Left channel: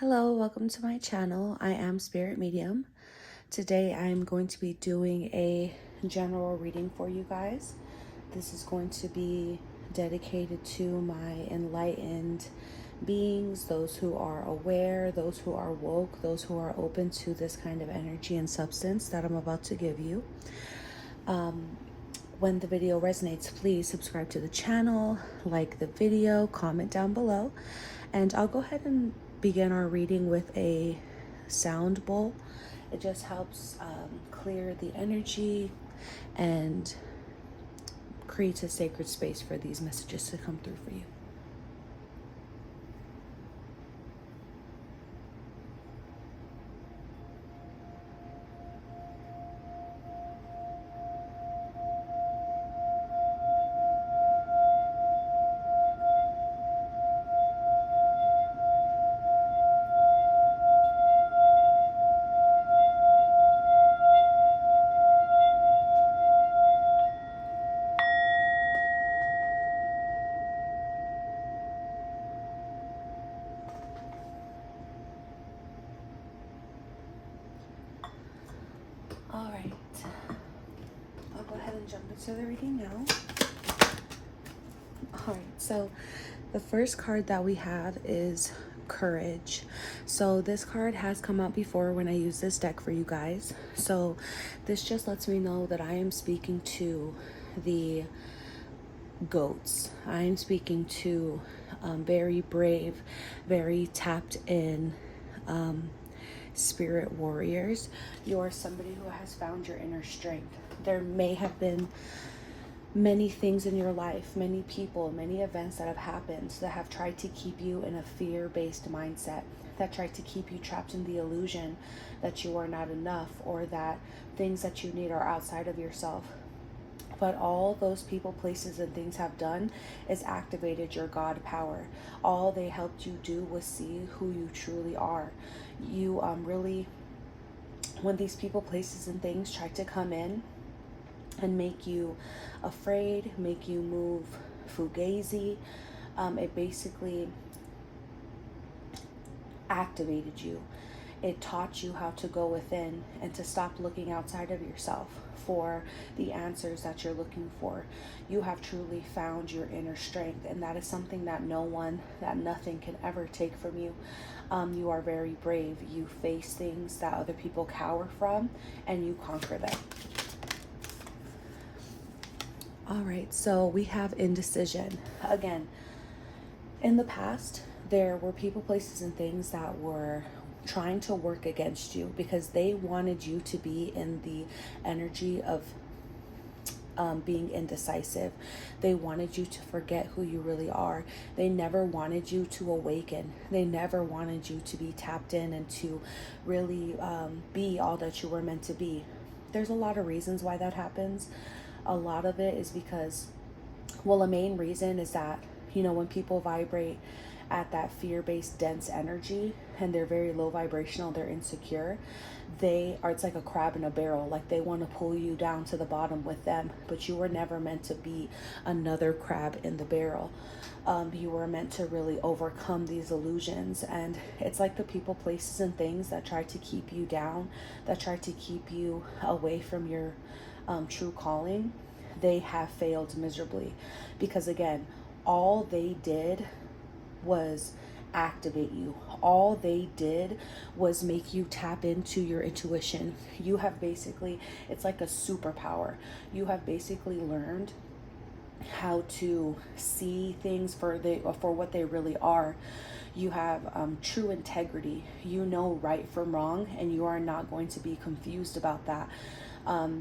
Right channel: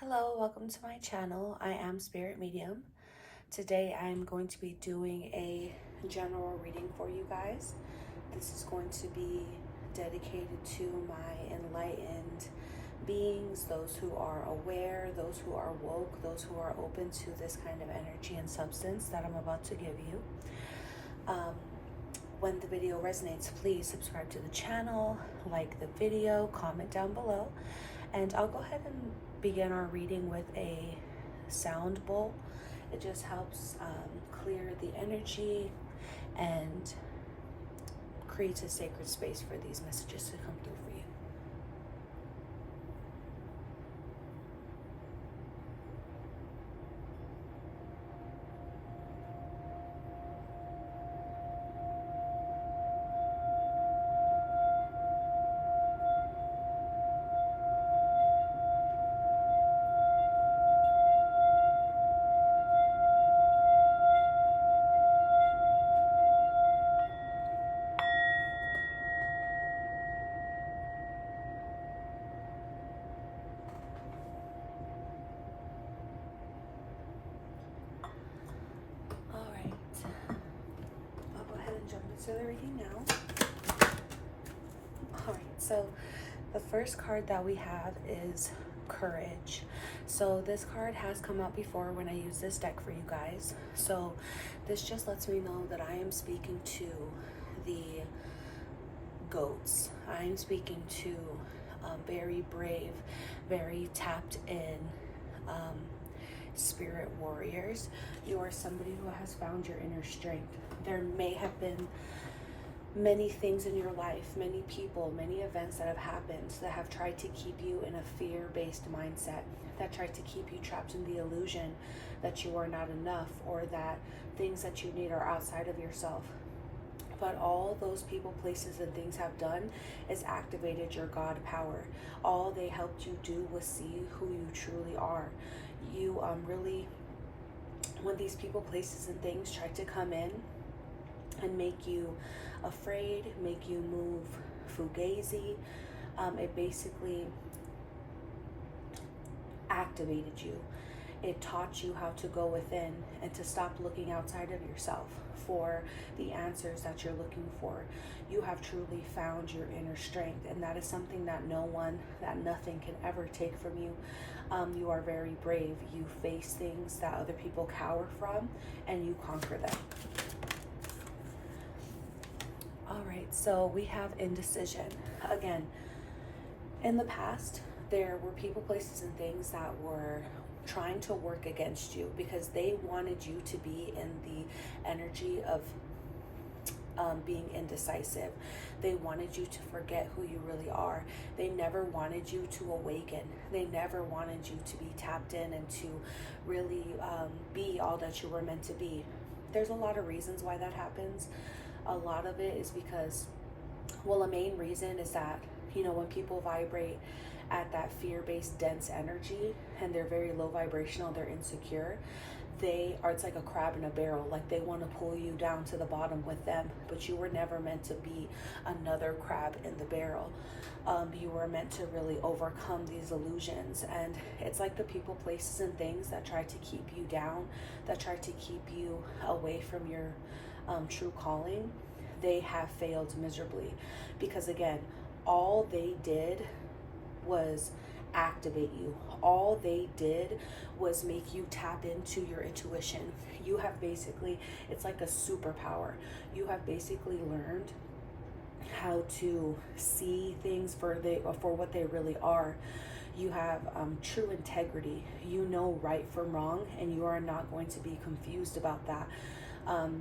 Hello, welcome to my channel. I am Spirit Medium. Today I'm going to be doing a general reading for you guys. This is going to be dedicated to my enlightened beings, those who are aware, those who are woke, those who are open to this kind of energy and substance that I'm about to give you. When the video resonates, please subscribe to the channel, like the video, comment down below, and I'll go ahead and begin our reading with a sound bowl. It just helps clear the energy and creates a sacred space for these messages to come through for you. Alright, I'll go ahead and jump into the reading now. Alright, so the first card that we have is Courage. So this card has come out before when I use this deck for you guys. So this just lets me know that I am speaking to the goats. I am speaking to very brave, very tapped in spirit warriors. You're somebody who has found your inner strength. There may have been many things in your life, many people, many events that have happened that have tried to keep you in a fear-based mindset, that tried to keep you trapped in the illusion that you are not enough or that things that you need are outside of yourself. But all those people, places, and things have done is activated your God power. All they helped you do was see who you truly are. You really, when these people, places, and things try to come in and make you afraid, make you move fugazi, it basically activated you. It taught you how to go within and to stop looking outside of yourself for the answers that you're looking for. You have truly found your inner strength, and that is something that no one, that nothing can ever take from you. You are very brave. You face things that other people cower from, and you conquer them. All right, so we have Indecision. Again, in the past, there were people, places, and things that were trying to work against you because they wanted you to be in the energy of being indecisive. They wanted you to forget who you really are. They never wanted you to awaken. They never wanted you to be tapped in and to really be all that you were meant to be. There's a lot of reasons why that happens. A lot of it is because, well, a main reason is that, you know, when people vibrate at that fear-based dense energy and they're very low vibrational, they're insecure, they are, it's like a crab in a barrel. Like they want to pull you down to the bottom with them, but you were never meant to be another crab in the barrel. You were meant to really overcome these illusions, and it's like the people, places, and things that try to keep you down, that try to keep you away from your true calling. They have failed miserably because, again, all they did was activate you. All they did was make you tap into your intuition. You have basically, it's like a superpower. You have basically learned how to see things for what they really are. You have true integrity. You know right from wrong, and you are not going to be confused about that.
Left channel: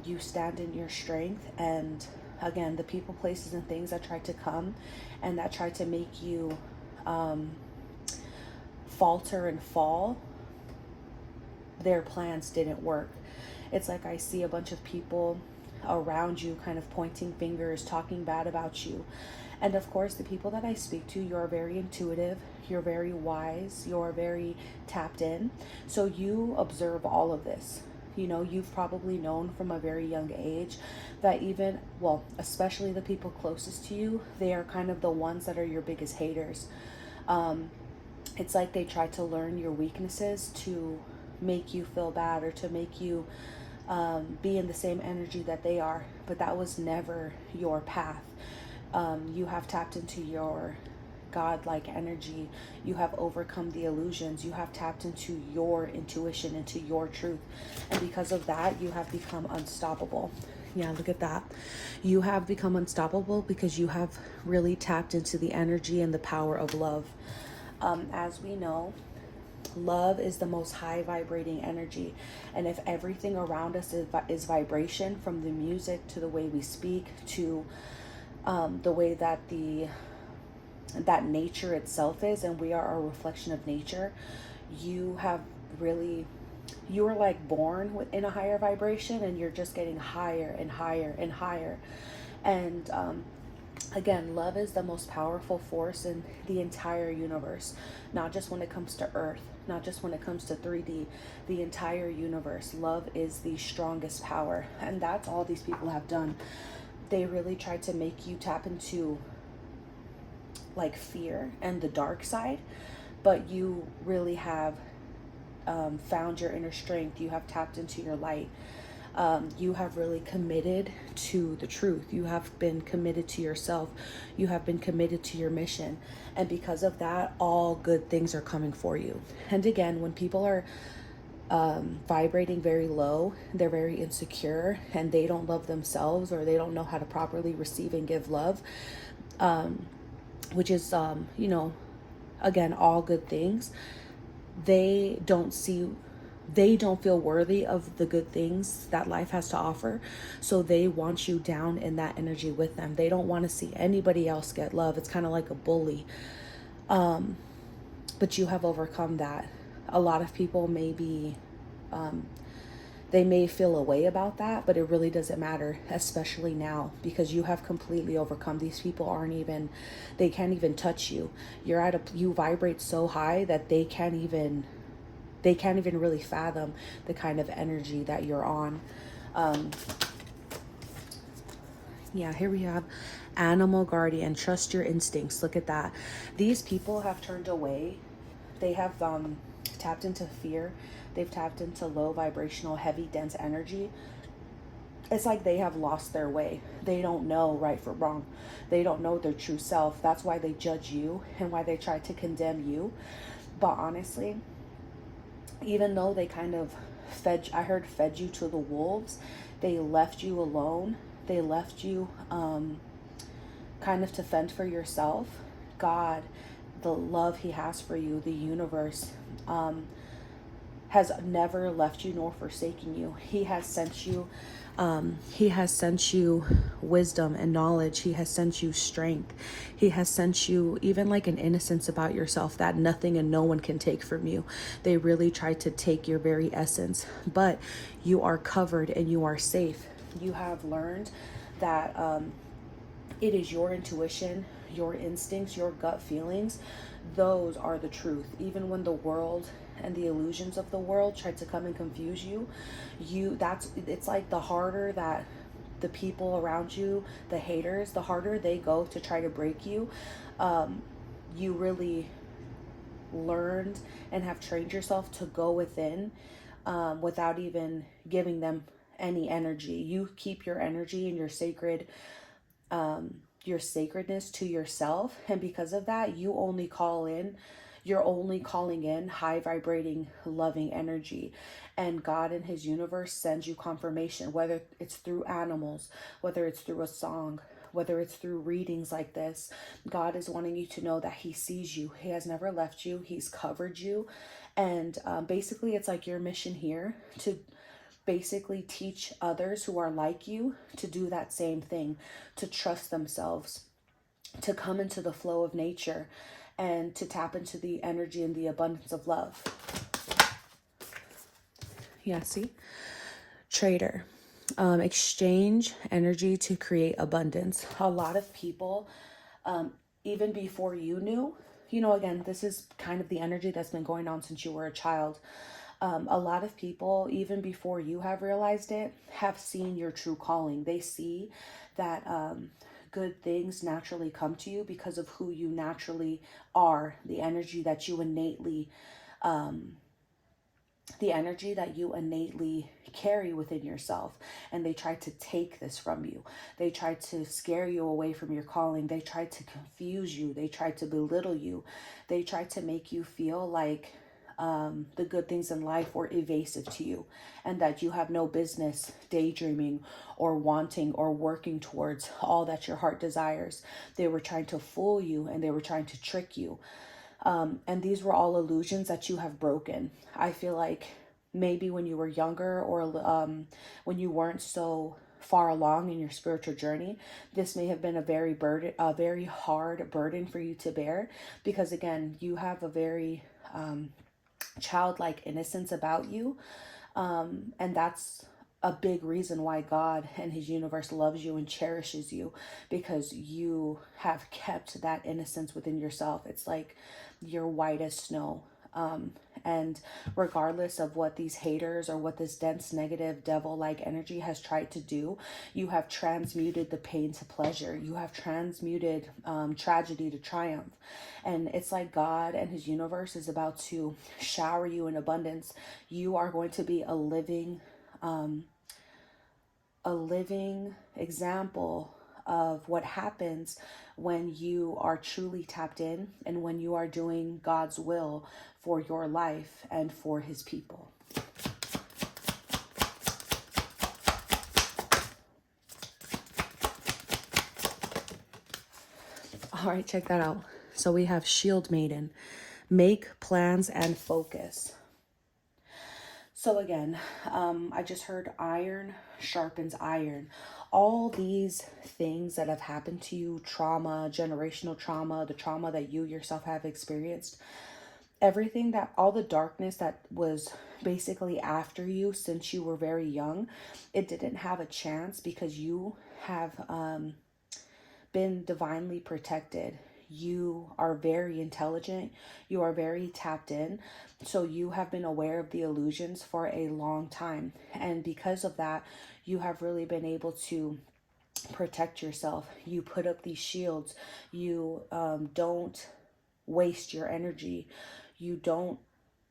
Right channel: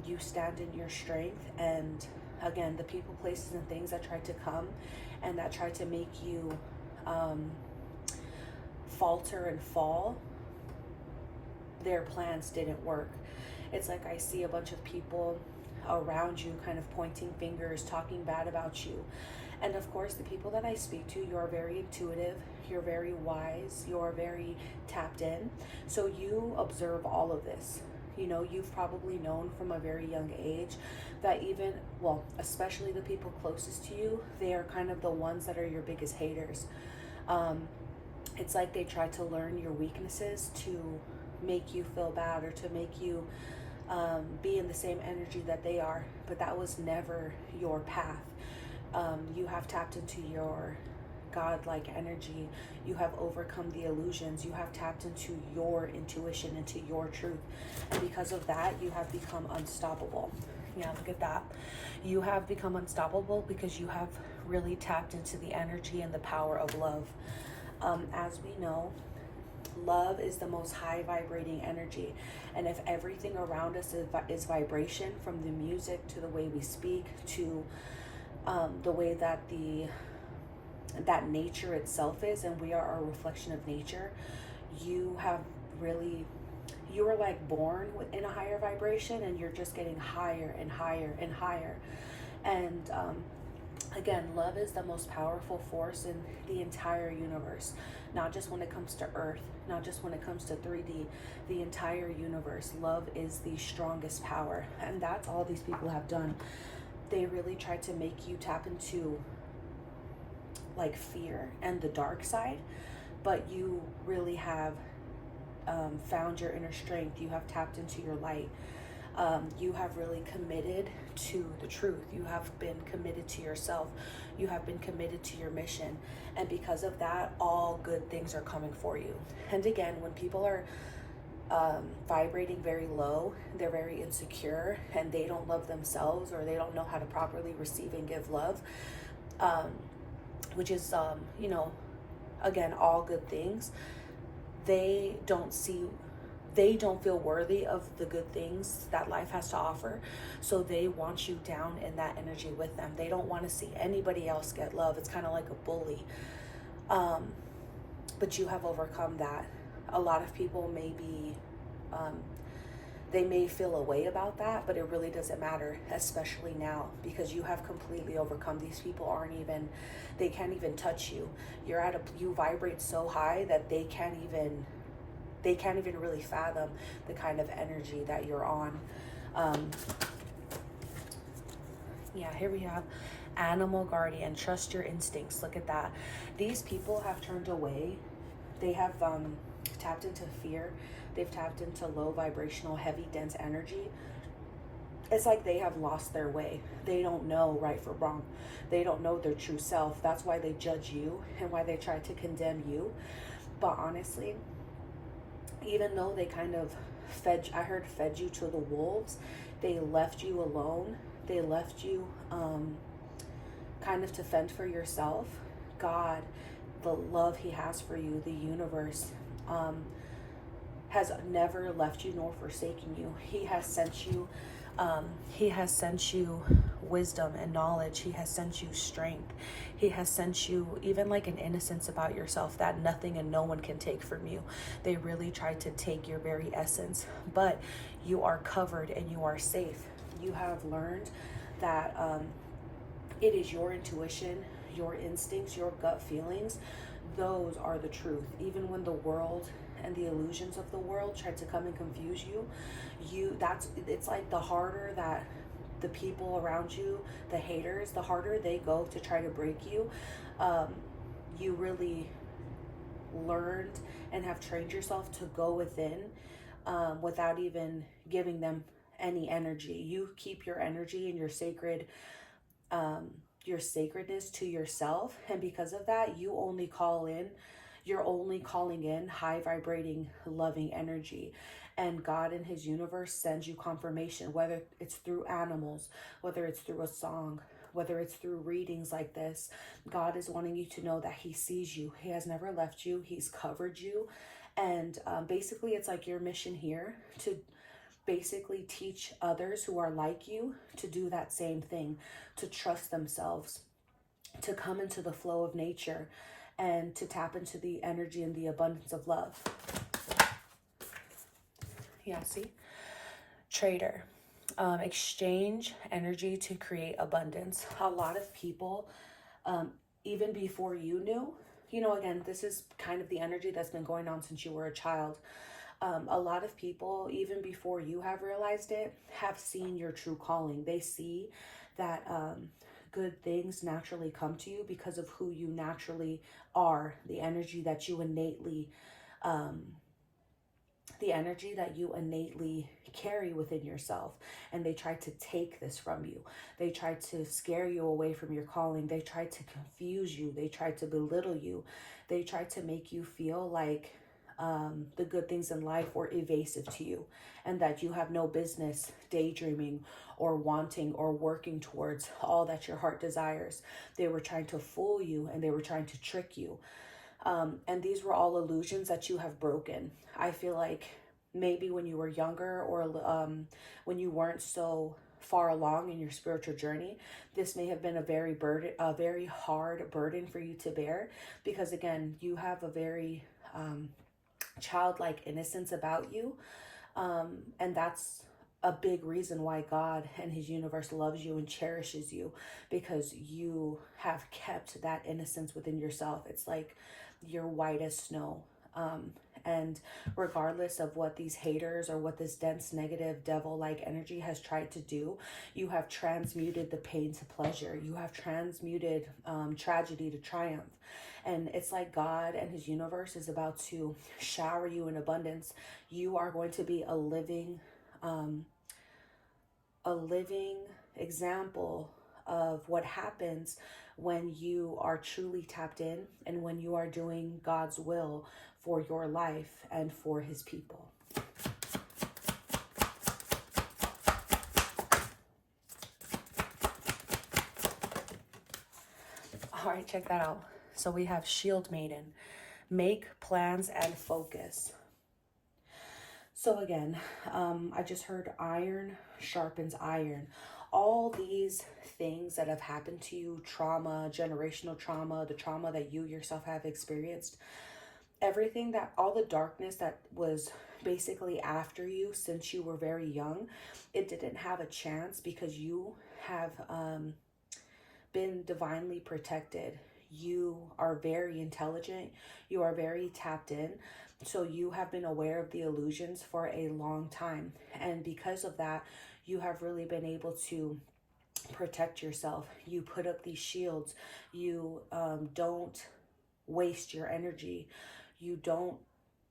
You stand in your strength, and again, the people, places, and things that try to come and that try to make you falter and fall, their plans didn't work. It's like I see a bunch of people around you kind of pointing fingers, talking bad about you. And of course, the people that I speak to, you're very intuitive, you're very wise, you're very tapped in. So you observe all of this. You know, you've probably known from a very young age that even, well, especially the people closest to you, they are kind of the ones that are your biggest haters. It's like they try to learn your weaknesses to make you feel bad, or to make you be in the same energy that they are. But that was never your path. You have tapped into your godlike energy. You have overcome the illusions. You have tapped into your intuition, into your truth. And because of that, you have become unstoppable. Yeah, look at that. You have become unstoppable because you have really tapped into the energy and the power of love. As we know, love is the most high vibrating energy. And if everything around us is vibration, from the music to the way we speak to the way that nature itself is, and we are a reflection of nature, you are like born in a higher vibration, and you're just getting higher and higher and higher. And again, love is the most powerful force in the entire universe, not just when it comes to Earth, not just when it comes to 3D, the entire universe. Love is the strongest power, and that's all these people have done. They really tried to make you tap into like fear and the dark side, but you really have found your inner strength. You have tapped into your light. You have really committed to the truth. You have been committed to yourself. You have been committed to your mission. And because of that, all good things are coming for you. And again, when people are vibrating very low, they're very insecure, and they don't love themselves, or they don't know how to properly receive and give love, which is, again, all good things. They don't feel worthy of the good things that life has to offer. So they want you down in that energy with them. They don't want to see anybody else get love. It's kind of like a bully. But you have overcome that. A lot of people may be, they may feel a way about that, but it really doesn't matter, especially now, because you have completely overcome. These people they can't even touch you. You vibrate so high that they can't even really fathom the kind of energy that you're on. Yeah, here we have animal guardian. Trust your instincts. Look at that. These people have turned away. They have tapped into fear. They've tapped into low vibrational, heavy, dense energy. It's like they have lost their way. They don't know right from wrong. They don't know their true self. That's why they judge you and why they try to condemn you. But honestly, even though they kind of fed you to the wolves, they left you alone. They left you kind of to fend for yourself. God, the love he has for you, the universe, has never left you nor forsaken you. He has sent you wisdom and knowledge. He has sent you strength. He has sent you even like an innocence about yourself that nothing and no one can take from you. They really tried to take your very essence, but you are covered and you are safe. You have learned that it is your intuition, your instincts, your gut feelings. Those are the truth. Even when the world and the illusions of the world try to come and confuse you, it's like the harder that the people around you, the haters, the harder they go to try to break you, you really learned and have trained yourself to go within without even giving them any energy. You keep your energy and your sacredness to yourself, and because of that, you're only calling in high vibrating, loving energy. And God in his universe sends you confirmation, whether it's through animals, whether it's through a song, whether it's through readings like this. God is wanting you to know that he sees you. He has never left you. He's covered you. And basically, it's like your mission here to basically teach others who are like you to do that same thing, to trust themselves, to come into the flow of nature, and to tap into the energy and the abundance of love. Yeah, see? Trader. Exchange energy to create abundance. A lot of people, even before you knew, again, this is kind of the energy that's been going on since you were a child. A lot of people, even before you have realized it, have seen your true calling. They see that good things naturally come to you because of who you naturally are, the energy that you innately carry within yourself. And they try to take this from you. They try to scare you away from your calling. They try to confuse you. They try to belittle you. They try to make you feel like the good things in life were evasive to you, and that you have no business daydreaming or wanting or working towards all that your heart desires. They were trying to fool you, and they were trying to trick you. And these were all illusions that you have broken. I feel like maybe when you were younger, or when you weren't so far along in your spiritual journey, this may have been a very hard burden for you to bear, because again, you have a very childlike innocence about you. And that's a big reason why God and his universe loves you and cherishes you, because you have kept that innocence within yourself. It's like you're white as snow. And regardless of what these haters or what this dense, negative, devil-like energy has tried to do, you have transmuted the pain to pleasure. You have transmuted tragedy to triumph. And it's like God and his universe is about to shower you in abundance. You are going to be a living example of what happens when you are truly tapped in, and when you are doing God's will for your life and for his people. All right, check that out. So we have Shield Maiden. Make plans and focus. So again, I just heard iron sharpens iron. All these things that have happened to you, trauma, generational trauma, the trauma that you yourself have experienced, everything that, all the darkness that was basically after you since you were very young, it didn't have a chance, because you have been divinely protected. You are very intelligent. You are very tapped in. So you have been aware of the illusions for a long time. And because of that, you have really been able to protect yourself. You put up these shields. You don't waste your energy. You don't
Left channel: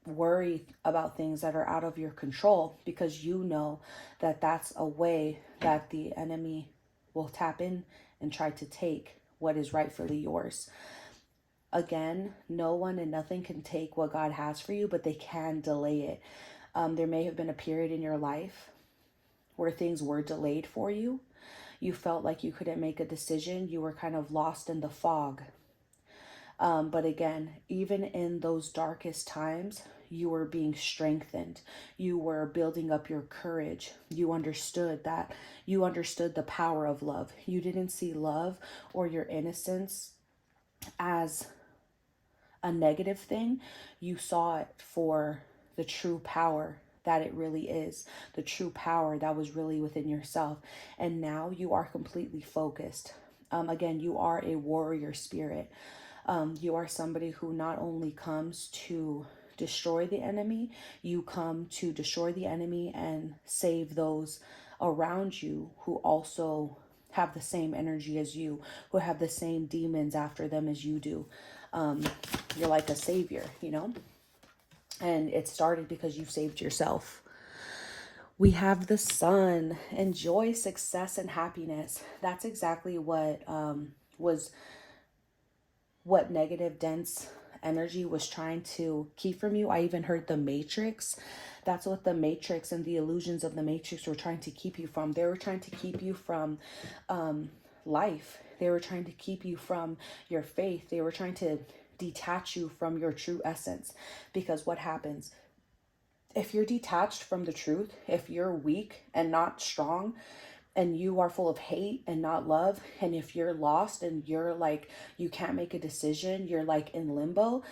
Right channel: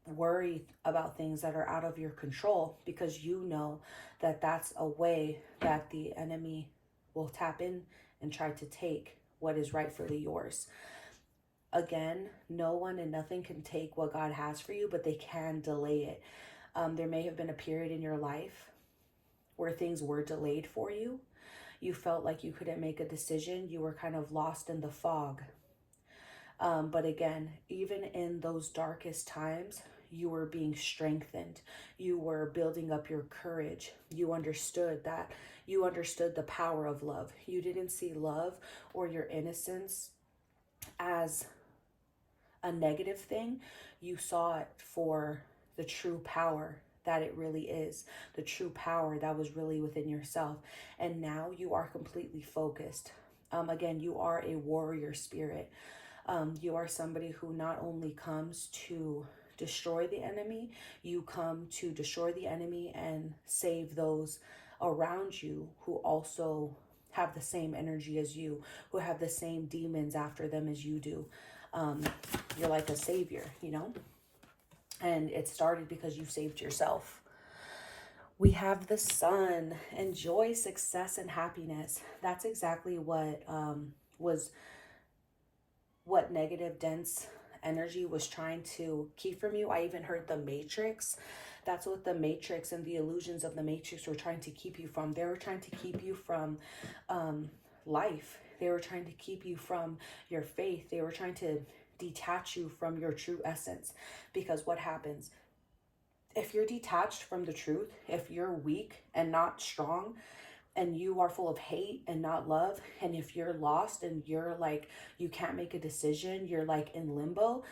worry about things that are out of your control, because you know that that's a way that the enemy will tap in and try to take what is rightfully yours. Again, no one and nothing can take what God has for you, but they can delay it. There may have been a period in your life where things were delayed for you. You felt like you couldn't make a decision. You were kind of lost in the fog. But again, even in those darkest times, you were being strengthened. You were building up your courage. You understood that. You understood the power of love. You didn't see love or your innocence as a negative thing. You saw it for the true power that it really is, the true power that was really within yourself. And now you are completely focused. Again, you are a warrior spirit. You are somebody who not only comes to destroy the enemy, you come to destroy the enemy and save those around you who also have the same energy as you, who have the same demons after them as you do. You're like a savior, you know? And it started because you saved yourself. We have the sun. Enjoy success and happiness. That's exactly what what negative, dense energy was trying to keep from you. I even heard the Matrix. That's what the Matrix and the illusions of the Matrix were trying to keep you from. They were trying to keep you from life. They were trying to keep you from your faith. They were trying to detach you from your true essence. Because what happens? If you're detached from the truth, if you're weak and not strong, and you are full of hate and not love, and if you're lost and you're like, you can't make a decision, you're like in limbo,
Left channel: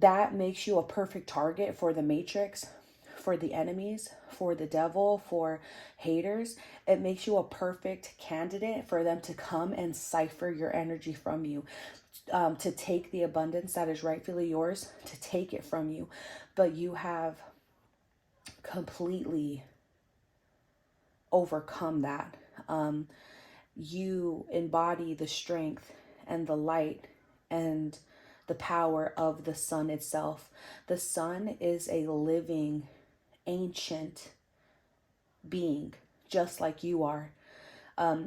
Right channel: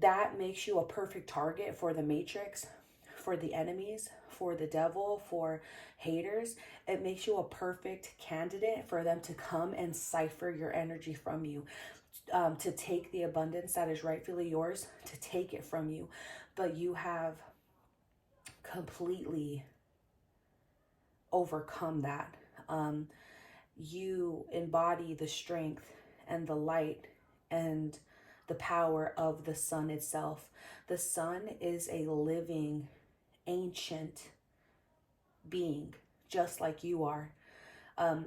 that makes you a perfect target for the Matrix, for the enemies, for the devil, for haters. It makes you a perfect candidate for them to come and cipher your energy from you, to take the abundance that is rightfully yours, to take it from you. But you have completely overcome that. you embody the strength and the light and the power of the sun itself. The sun is a living, ancient being, just like you are.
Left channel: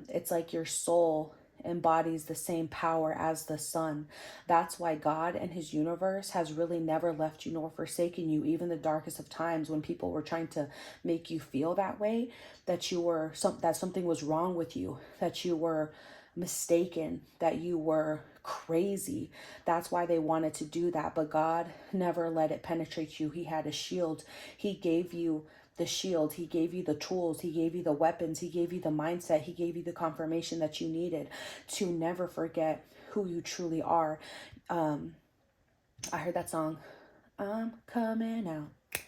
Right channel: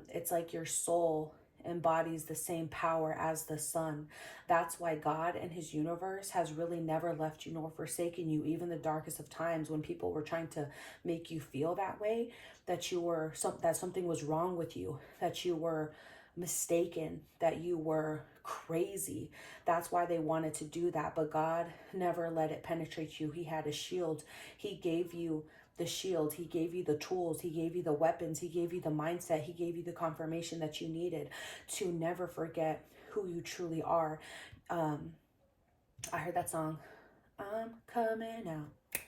It's like your soul embodies the same power as the sun. That's why God and his universe has really never left you nor forsaken you, even the darkest of times when people were trying to make you feel that way, that you were that something was wrong with you, that you were mistaken, that you were crazy. That's why they wanted to do that. But God never let it penetrate you. He had a shield. He gave you the shield. He gave you the tools. He gave you the weapons. He gave you the mindset. He gave you the confirmation that you needed to never forget who you truly are. I heard that song, I'm coming out.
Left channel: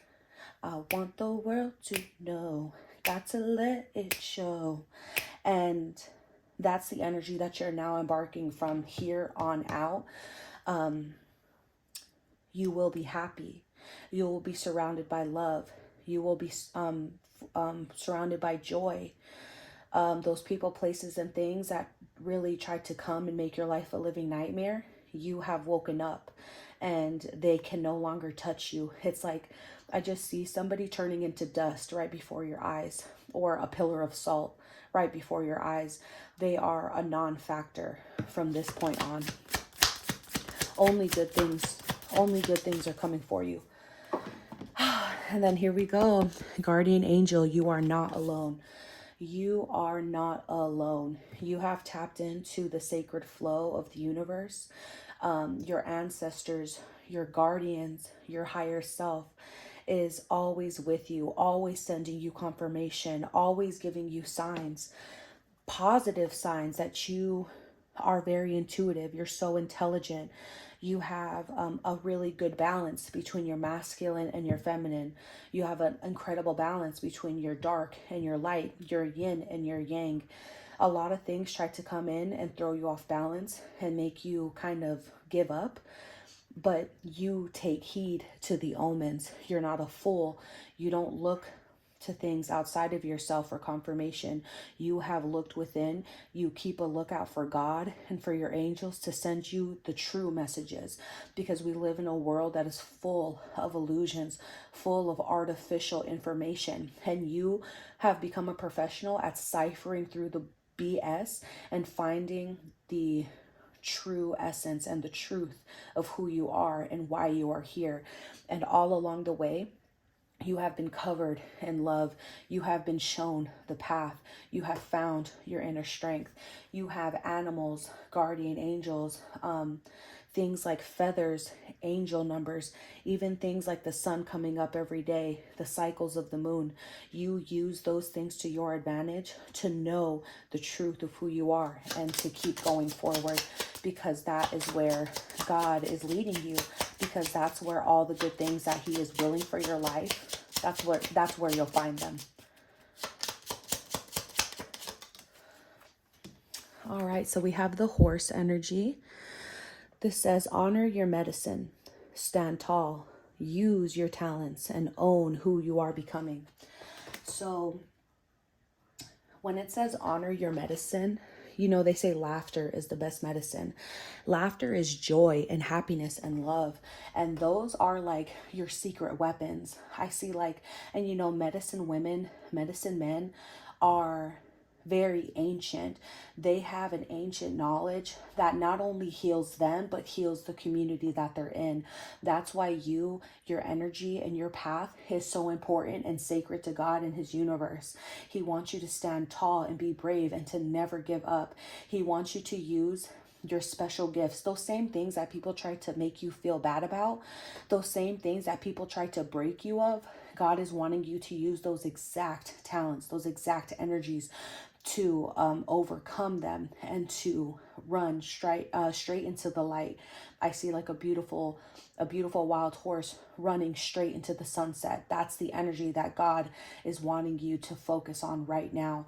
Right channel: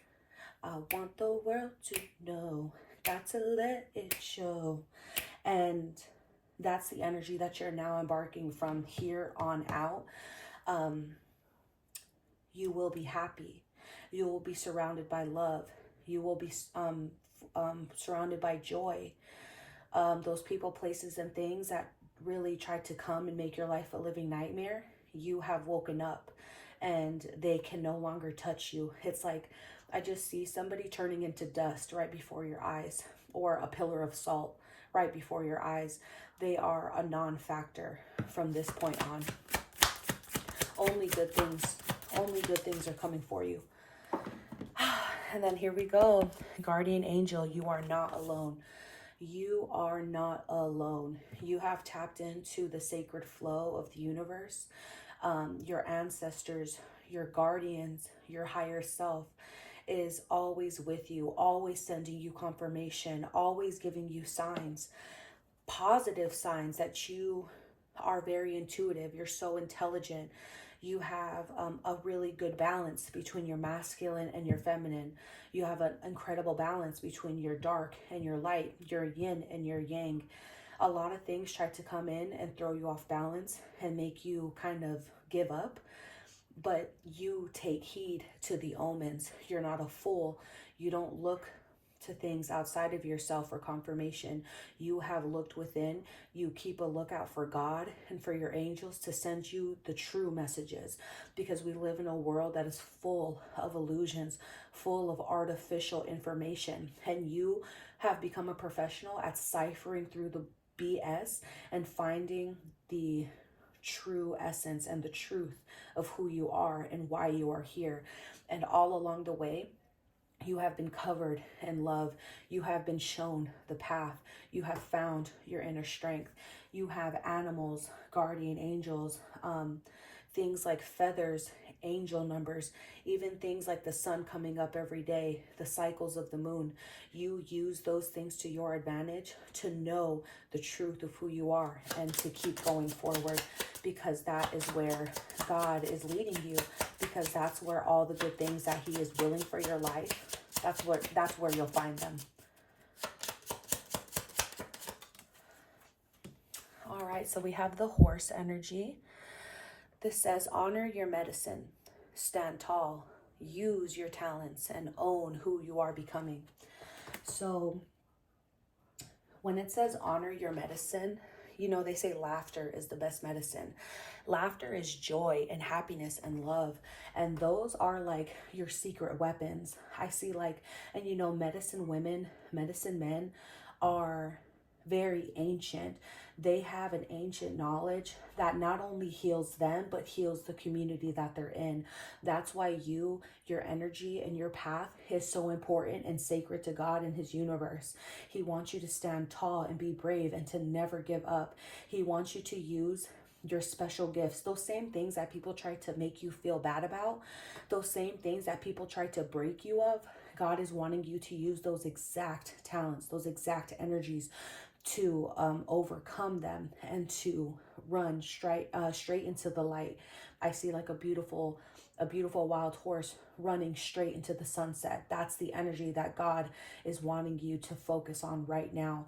I want the world to know. Got to let it show. And that's the energy that you're now embarking from here on out. You will be happy. You will be surrounded by love. You will be surrounded by joy. Those people, places, and things that really tried to come and make your life a living nightmare, you have woken up and they can no longer touch you. It's like, I just see somebody turning into dust right before your eyes, or a pillar of salt right before your eyes. They are a non-factor from this point on. Only good things are coming for you. And then here we go. Guardian angel, you are not alone. You are not alone. You have tapped into the sacred flow of the universe. Your ancestors, your guardians, your higher self is always with you, always sending you confirmation, always giving you signs, positive signs that you are very intuitive. You're so intelligent. You have a really good balance between your masculine and your feminine. You have an incredible balance between your dark and your light, your yin and your yang. A lot of things try to come in and throw you off balance and make you kind of give up. But you take heed to the omens. You're not a fool. You don't look to things outside of yourself for confirmation. You have looked within. You keep a lookout for God and for your angels to send you the true messages, because we live in a world that is full of illusions, full of artificial information, and you have become a professional at ciphering through the BS and finding the true essence and the truth of who you are and why you are here. And all along the way, you have been covered in love. You have been shown the path. You have found your inner strength. You have animals, guardian angels, things like feathers, angel numbers, even things like the sun coming up every day, the cycles of the moon. You use those things to your advantage to know the truth of who you are and to keep going forward, because that is where God is leading you, because that's where all the good things that he is willing for your life, that's where you'll find them. All right, so we have the horse energy. This says, honor your medicine, stand tall, use your talents, and own who you are becoming. So when it says honor your medicine, you know, they say laughter is the best medicine. Laughter is joy and happiness and love. And those are like your secret weapons. I see like, and you know, medicine women, medicine men are very ancient. They have an ancient knowledge that not only heals them, but heals the community that they're in. That's why your energy and your path is so important and sacred to God and his universe. He wants you to stand tall and be brave and to never give up. He wants you to use your special gifts, those same things that people try to make you feel bad about, those same things that people try to break you of. God is wanting you to use those exact talents, those exact energies to overcome them and to run straight into the light. I see like a beautiful wild horse running straight into the sunset. That's the energy that God is wanting you to focus on right now.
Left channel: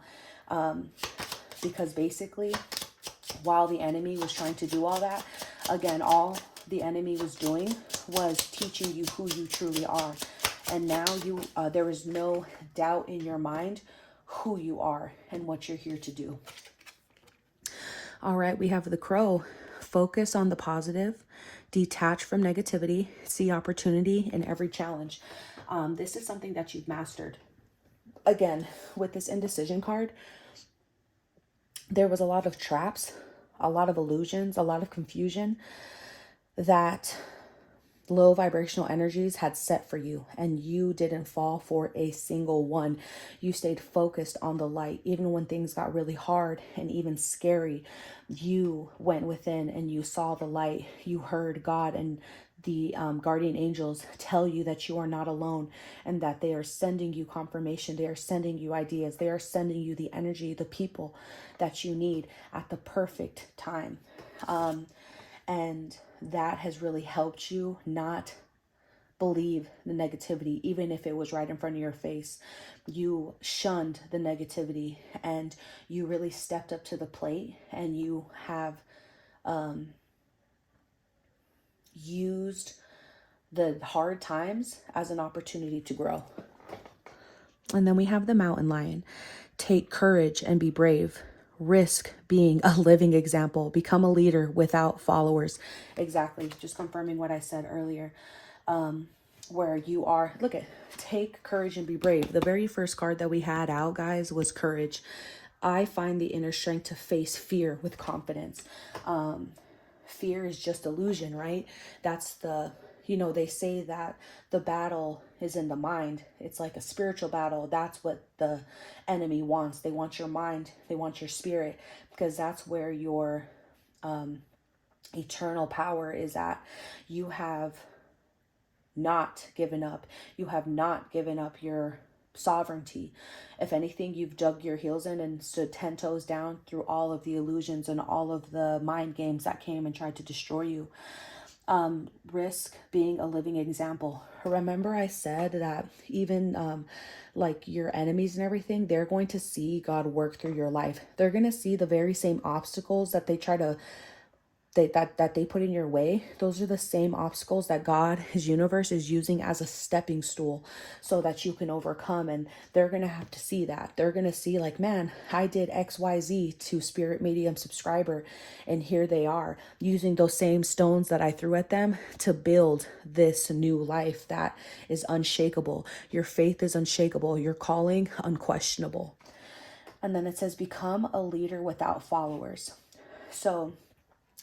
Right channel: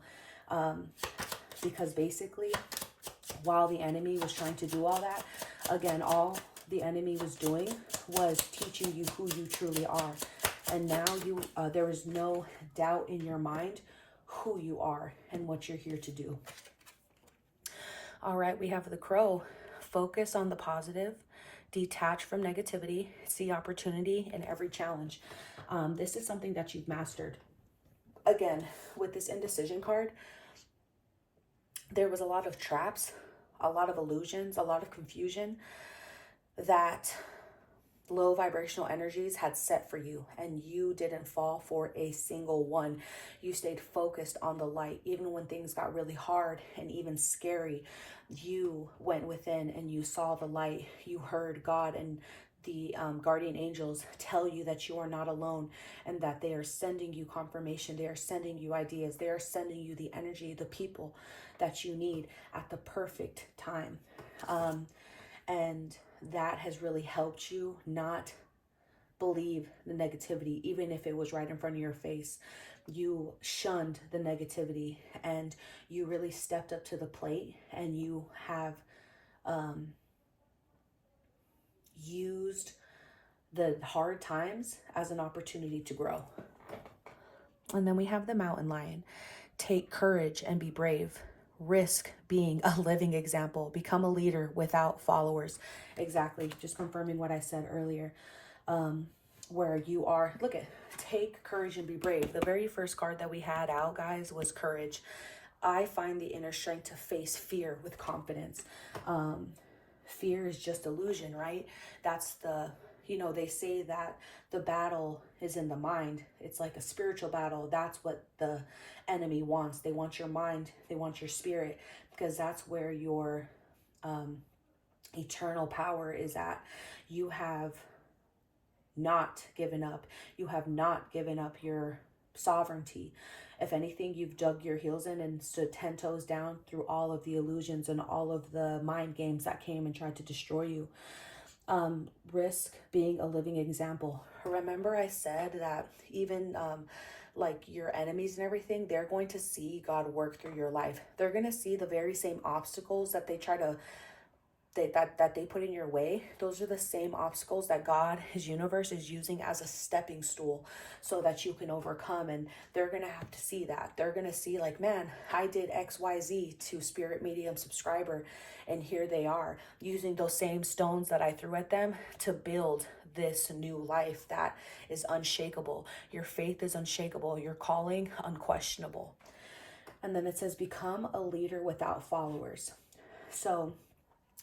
Because basically, while the enemy was trying to do all that, again, all the enemy was doing was teaching you who you truly are. And now there is no doubt in your mind who you are and what you're here to do. All right, we have the Crow. Focus on the positive, detach from negativity, see opportunity in every challenge. This is something that you've mastered. Again, with this Indecision card, there was a lot of traps, a lot of illusions, a lot of confusion that low vibrational energies had set for you, and you didn't fall for a single one. You stayed focused on the light. Even when things got really hard and even scary, you went within and you saw the light. You heard God and the guardian angels tell you that you are not alone, and that they are sending you confirmation. They are sending you ideas. They are sending you the energy, the people that you need at the perfect time. And that has really helped you not believe the negativity, even if it was right in front of your face. You shunned the negativity, and you really stepped up to the plate, and you have used the hard times as an opportunity to grow. And then we have the Mountain Lion. Take courage and be brave. Risk being a living example. Become a leader without followers. Exactly. Just confirming what I said earlier. Where you are, look at, take courage and be brave. The very first card that we had out, guys, was courage. I find the inner strength to face fear with confidence. Fear is just illusion, right? That's the, they say that the battle is in the mind. It's like a spiritual battle. That's what the enemy wants. They want your mind. They want your spirit, because that's where your eternal power is at. You have not given up. You have not given up your sovereignty. If anything, you've dug your heels in and stood 10 toes down through all of the illusions and all of the mind games that came and tried to destroy you. Risk being a living example. Remember I said that even like your enemies and everything, they're going to see God work through your life. They're going to see the very same obstacles that they try to that they put in your way. Those are the same obstacles that God, his universe, is using as a stepping stool so that you can overcome. And they're going to have to see that. They're going to see like, man, I did XYZ to spirit medium subscriber, and here they are using those same stones that I threw at them to build this new life that is unshakable. Your faith is unshakable. Your calling unquestionable. And then it says, become a leader without followers. So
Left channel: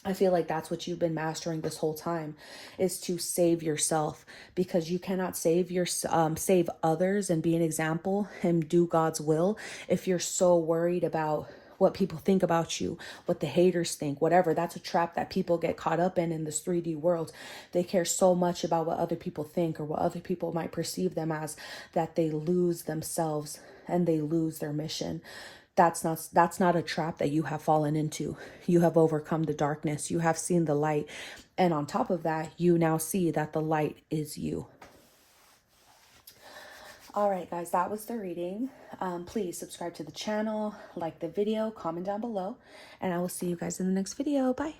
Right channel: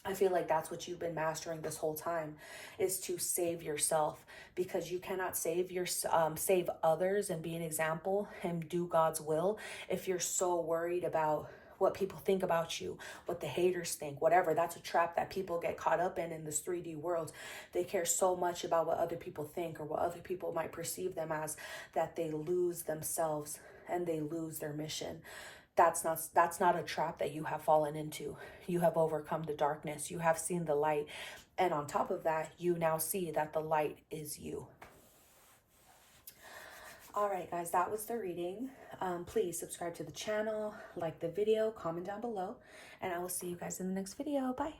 I feel like that's what you've been mastering this whole time, is to save yourself, because you cannot save others and be an example and do God's will if you're so worried about what people think about you, what the haters think, whatever. That's a trap that people get caught up in this 3D world. They care so much about what other people think or what other people might perceive them as, that they lose themselves and they lose their mission. That's not a trap that you have fallen into. You have overcome the darkness. You have seen the light. And on top of that, you now see that the light is you. All right, guys, that was the reading. Please subscribe to the channel, like the video, comment down below, and I will see you guys in the next video. Bye.